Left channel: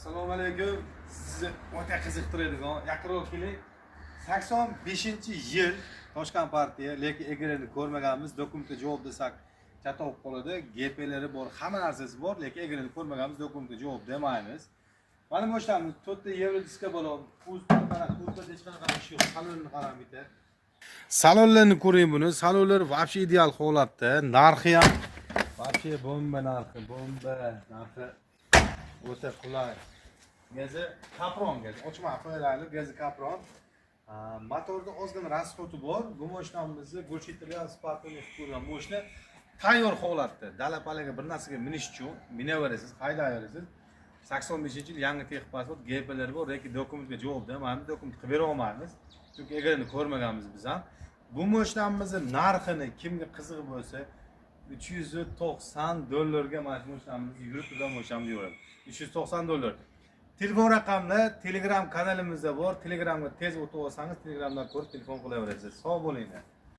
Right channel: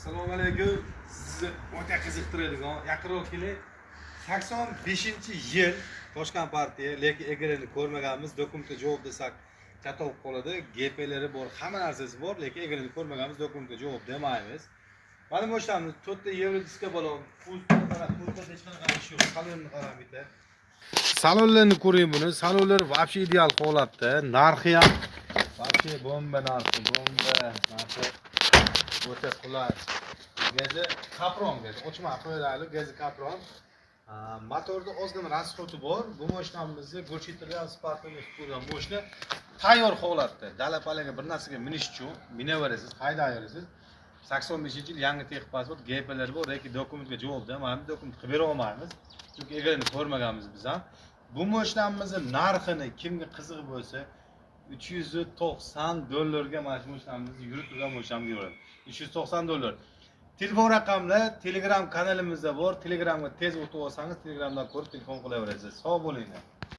Assalomu alaykum. Sizni o'ta qiziqtiradigan yaqinroq keling. 85-yil Toshkent partiya, lekin egalini ko'rmaganmiz. Dokumentga javob desak chatov qoladi. GPlari bor, hamma narsasi bor, lekin egalini ko'rmaganmiz. Dokumentga javob demaymiz. Mana bu ishlarni to'rtta yerli diska bo'lib, pultda hech qanaqa ish yo'q. Salonni qarang bitta. Salonlarni ko'ring buni. Salonlar вообще ideal holatda. Narxi ham вообще bomba narxi, bomba narxi. O'ta qulay. Gazi Capron gazi. Ochma qo'yaylik, gazi Capron. Motorda ozgina rasxoti bor. Bu mashinamizni Gulchitria Spark'ga ko'rgan mashina tayyor holatda. Dala-palaga bir narsaga minish uchun minaverasiz, haydayverasiz. 85-yil yangi texnik pasport, GPlari bor, lekin dokumentga javob bermaymiz, dokument qilib bera olmaymiz. Chunki egalini ko'rmaganmiz biz ham. Bu mashinamizning narxini kimga qiziq bo'lsa, $390 ga mana shu mashinamizni yurib turgan mashinam deyiladi. $390. Telefon raqamlar Telegram kanalimizda bor. Telegramga tez o'tib olsangiz, Telegramdan ko'rib telefon qilaverasiz. Sog' bo'linglar.